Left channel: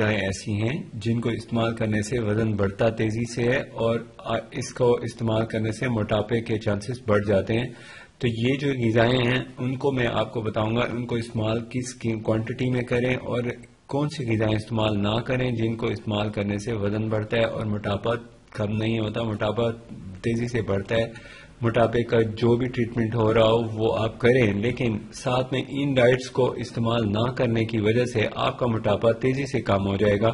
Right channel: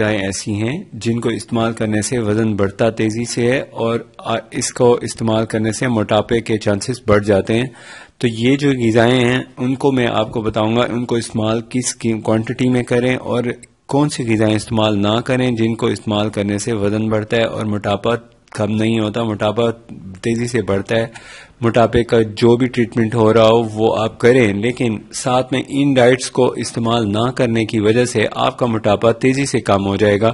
غذائیں ایسی ہیں جن کو استعمال کرنے سے وزن بڑھتا تیزی سے ہے اور اس کو استعمال کرنے سے موٹاپے کے چانسز بڑھ جاتے ہیں. تو یہ جو غذائیں ہیں ان کو میں آپ کو بتاؤں گا ان کو استعمال کس کوانٹٹی میں کریں اور کون سی غذائیں استعمال نہ کریں جن کو استعمال کرنے سے وزن بڑھتا ہے اور موٹاپا کم نہیں ہوتا, موٹاپا تیزی سے بڑھتا ہے. موٹاپے کا جو بھی ٹریٹمنٹ ہو رہا ہو وہ آپ کریں, لیکن ساتھ میں ان ڈائٹس کو استعمال نہ کرنے کی وجہ سے آپ کا موٹاپا تیزی سے کم ہو جائے گا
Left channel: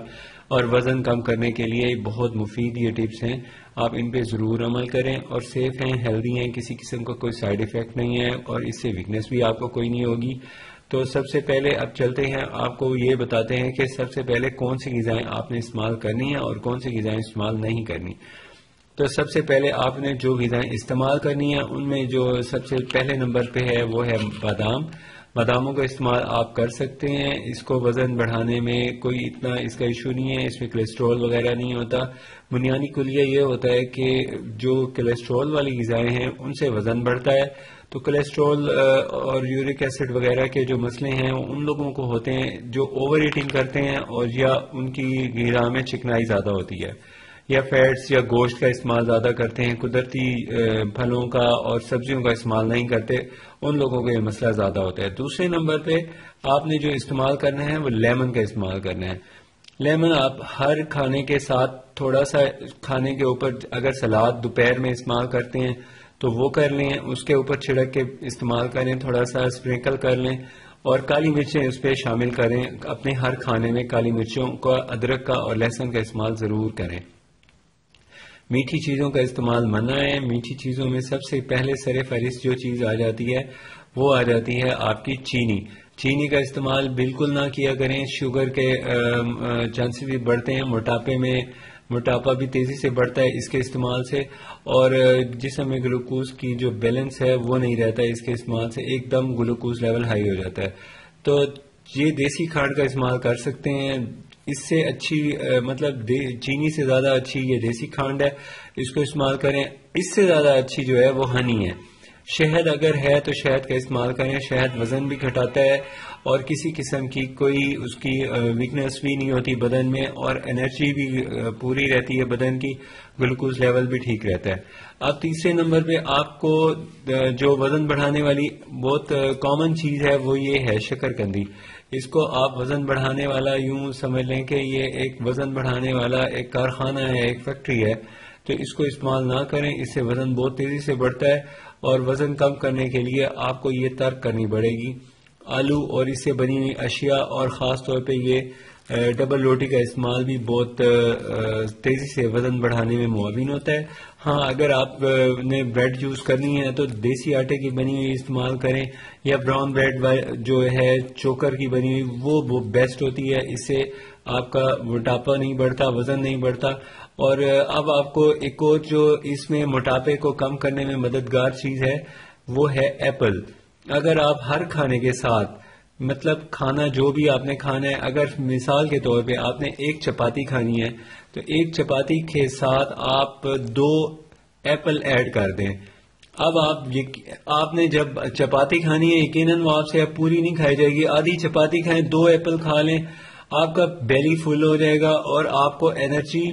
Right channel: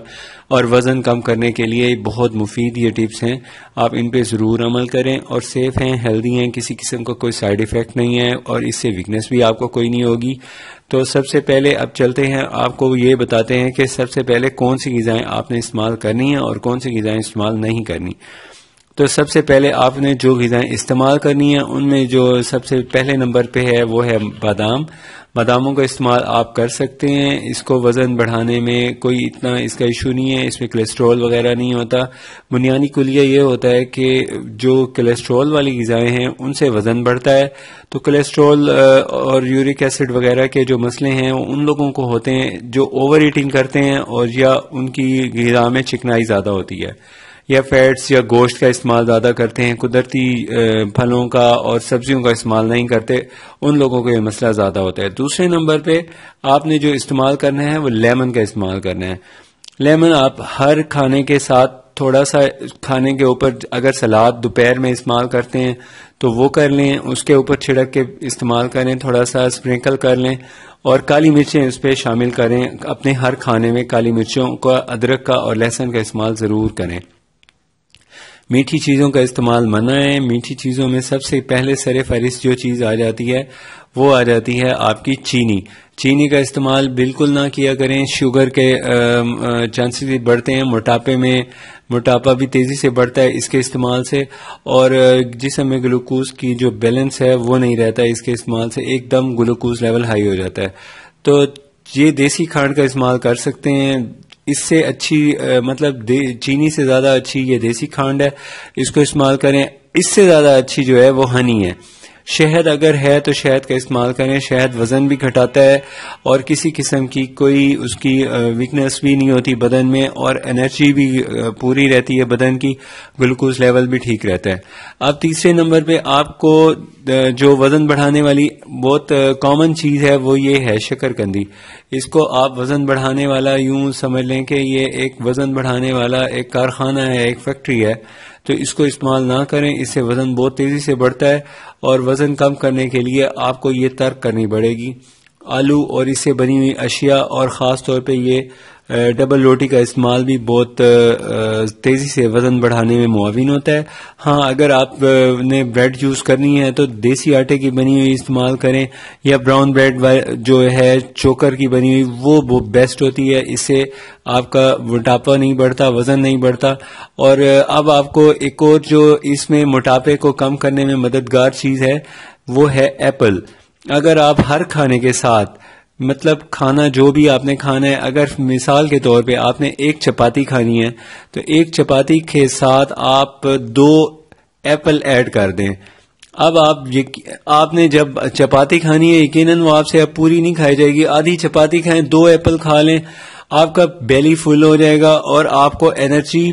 اور وزن کم کرنے کے لیے بہت مفید یہ ٹپس ہیں. آپ ان پہ ضرور عمل کریں اور سیف ہیں, ہیلدی ہیں, کسی قسم کا کوئی سائیڈ ایفیکٹ نہیں ہے اور اس سے ویکنس بھی آپ کو کوئی نہیں ہوگی. تو سب سے پہلے اب چلتے ہیں, آپ کو یہ بتاتے ہیں کہ سب سے پہلے کون سی غذائیں آپ نے استعمال کرنی ہیں اور کون سی غذائیں استعمال نہیں کرنی. تو سب سے پہلے آپ نے جو غذائیں استعمال کرنی ہیں ان میں جو سب سے پہلے نمبر پہ ہے وہ ہے بادام. باداموں کا استعمال آپ کر سکتے ہیں, اس کو وزن بڑھانے میں کوئی اتنا اس کا ایشو نہیں ہے, اس میں کولیسٹرول وغیرہ نہیں ہوتا. بنیادی کلیہ یہ ہوتا ہے کہ جو کولیسٹرول والی غذائیں ہیں ان سے وزن بڑھتا ہے. تو کولیسٹرول اور یورک ایسڈ وغیرہ کے جو مسئلے ہیں ان لوگوں کو ہوتے ہیں جو اوور ایٹنگ کرتے ہیں اور یا ان کی غذا میں چکنائی زیادہ ہوتی ہے یا فیٹس یا گوشت کا استعمال زیادہ کرتے ہیں, قدرتی پھلوں کا اور سبزیوں کا استعمال نہیں کرتے, ان لوگوں کو یہ مسئلہ زیادہ ہوتا ہے. دوسرے نمبر پہ آپ نے جو استعمال کرنا ہے وہ لیمن کا استعمال کرنا ہے. لیمن آپ ہر کھانے کے ساتھ تھوڑا سا کھانے کے اوپر, اگر سلاد دوپہر میں استعمال کرتے ہیں تو وہ کر لیں, اس کے اوپر چھڑک کے استعمال کریں, تھوڑا سا اسپرنکل کر لیں اور کالی مرچیں اس پہ شامل کریں. اپنے ہر کھانے میں کالی مرچوں کا, ادرک کا اور لہسن کا استعمال ضرور کریں. میٹھی چیزوں کا استعمال منع ہے. میٹھی چیزوں میں سب سے پہلے سر فہرست جو چیز آ جاتی ہے وہ آ جاتی ہے آپ کی چینی. چینی کا استعمال بالکل نہ کیا کریں, شوگر کے چانسز بھی بڑھتے ہیں. موٹاپا بھی تیزی سے بڑھتا ہے اس کے استعمال سے, اور جسم میں گلوکوز کی جو بیلنس ہے وہ نہیں رہتا ہے اس کے استعمال سے, ایک دم گلوکوز لیول ہائی ہو جاتا ہے. تو یہ دیسی کھانڈ کا استعمال کر سکتے ہیں, اس سے اچھی مطلب چینی سے زیادہ اچھی یہ دیسی کھانڈ ہے, اس کو استعمال کریں. اس سے زیادہ اچھی جو ہے وہ ہنی ہے. شہد اگر ہے تو شہد کا استعمال کریں. شہد وزن بھی گھٹاتا ہے اور کسی قسم کی کوئی اس کی ویکنس بھی نہیں ہوتی بدن میں, اور انرجی بھی پوری رہتی ہے بدن کی, گلوکوز لیول بھی ٹھیک رہتا ہے. اب تیسرے نمبر پہ آپ کو جو وزن بڑھانے والی بہت کامن چیز ہے وہ یہ ہے شکرکندی. اس کو آپ وزن بڑھانے والا یوں سمجھ لیں کہ یہ ایک وزن بڑھانے والا ایک کارخانہ ہے, ایک فیکٹری ہے. تو اس کو استعمال نہ کریں, اس سے وزن بہت تیزی سے بڑھتا ہے, اور وزن کم کرنے کے لیے آپ کو یہ ترک کرنی پڑے گی. آلو اور اس سے بنی ہوئی اشیاء اور خاص طور پہ یہ ڈبل روٹی کا استعمال بھی بہت تیزی سے وزن بڑھانے میں معاون ہوتا ہے. ہاں اگر آپ نے بریڈ یوز کرنی ہے تو دیسی آٹے کی بنی ہوئی استعمال کریں, یا براؤن بریڈ جو ہے چوکر کی بنی ہوئی وہ بیسٹ ہوتی ہے. اس سے آپ کا موٹاپا نہیں بڑھتا, وزن نہیں بڑھتا. اور اب آپ کو ایک اور جو اس میں موٹاپے کو کم کرنے میں مددگار چیز ہے وہ ہے ایپل. اگر آپ ہر کھانے کے ساتھ مطلب کھانا جو بھی آپ نے کھانا ہے, اگر مثال کے طور پہ آپ نے ایک چپاتی کھانی ہے تو ایک چپاتی کے ساتھ آپ 2 ایپل ایڈ کر دیں. اب آپ نے جب چپاتی کھانی ہے یقیناً وہ آپ سے اب پوری نہیں کھائی جائے گی, آدھی چپاتی کھائیں, 2 ایپل کھا لیں, آپ کا بیلی فل ہو جائے گا اور آپ کو انرجی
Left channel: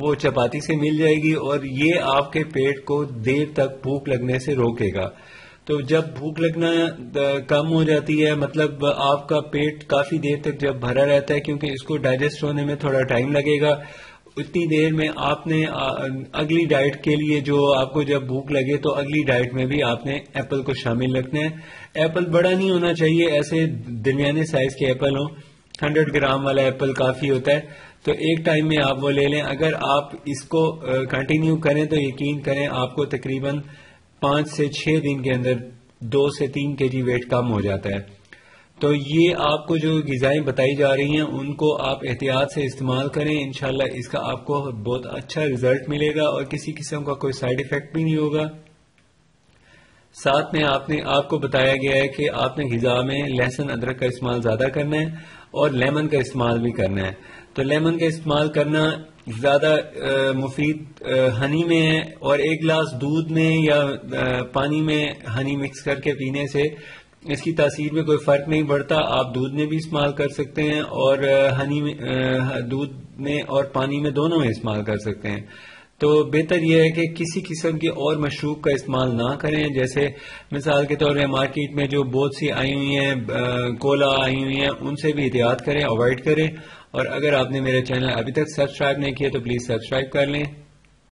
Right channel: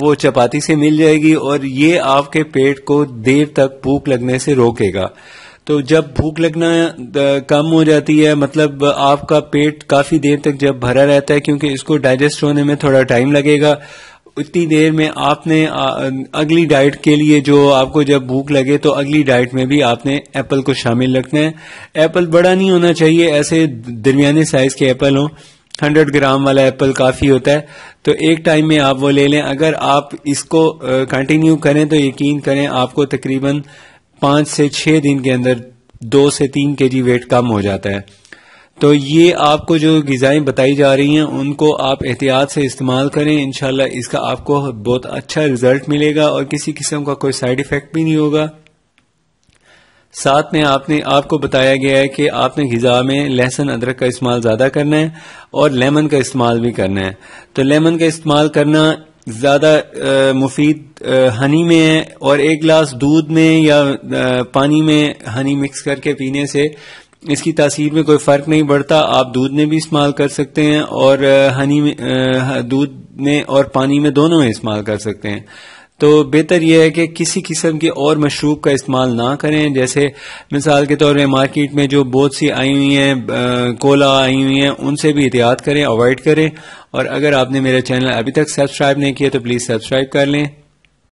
وہ چپاتی سے مل جائے گی, اور یہ آپ کے پیٹ کو دیر تک بھوک لگنے سے روکے گا. تو جب بھوک لگنا کم ہو جاتی ہے, مطلب آپ کا پیٹ کافی دیر تک جب بھرا رہتا ہے, کیونکہ اس کو ڈائجسٹ ہونے میں تھوڑا ٹائم لگے گا, اتنی دیر میں آپ نے اگلی ڈائٹ کے لیے جو آپ کو جب بھوک لگے تو اگلی ڈائٹ میں بھی آپ نے ایپل کو شامل رکھنا ہے. ایپل بڑا نہیں ہونا چاہیے, ایسے درمیانے سائز کے ایپل ہوں, 100 گرام والا ایپل کافی ہوتا ہے. تو ایک ٹائم میں آپ وہ لے لیں. اگر آپ اس کو کنٹینیو کریں تو یقین کریں آپ کو تقریباً 5 سے 6 دن کے اندر 2 سے 3 kg ویٹ کم ہو جاتا ہے. تو یہ آپ کو جو غذائیں بتائی جا رہی ہیں ان کو آپ احتیاط سے استعمال کریں, انشاءاللہ اس کا آپ کو بہت اچھا رزلٹ ملے گا اور کسی قسم کا کوئی سائیڈ ایفیکٹ بھی نہیں ہوگا. ساتھ میں آپ کو بتایا گیا ہے کہ آپ نے غذا میں لہسن ادرک کا استعمال زیادہ کرنا ہے اور لیمن کا استعمال بھی کرنا ہے. تو لیمن کا استعمال کرنا زیادہ مفید ہنی میں ہے, اور 1 گلاس دودھ میں یا پانی میں ہنی مکس کر کے پینے سے اس کی تاثیر میں کوئی فرق نہیں پڑتا. آپ دودھ میں بھی استعمال کر سکتے ہیں اور ہنی میں دودھ میں اور پانی میں دونوں میں استعمال کر سکتے ہیں. تو بہتر یہ ہے کہ کسی قسم کی اور مشروب کا استعمال نہ کریں. جیسے مثال کے طور پہ مارکیٹ میں جو بہت سی آئی ہوئی ہیں کولا آئی ہوئی ہیں ان سے بھی احتیاط کریں, اوائڈ کریں. اور اگر آپ نے میرا چینل ابھی تک سبسکرائب نہیں کیا تو پلیز سبسکرائب کر لیں.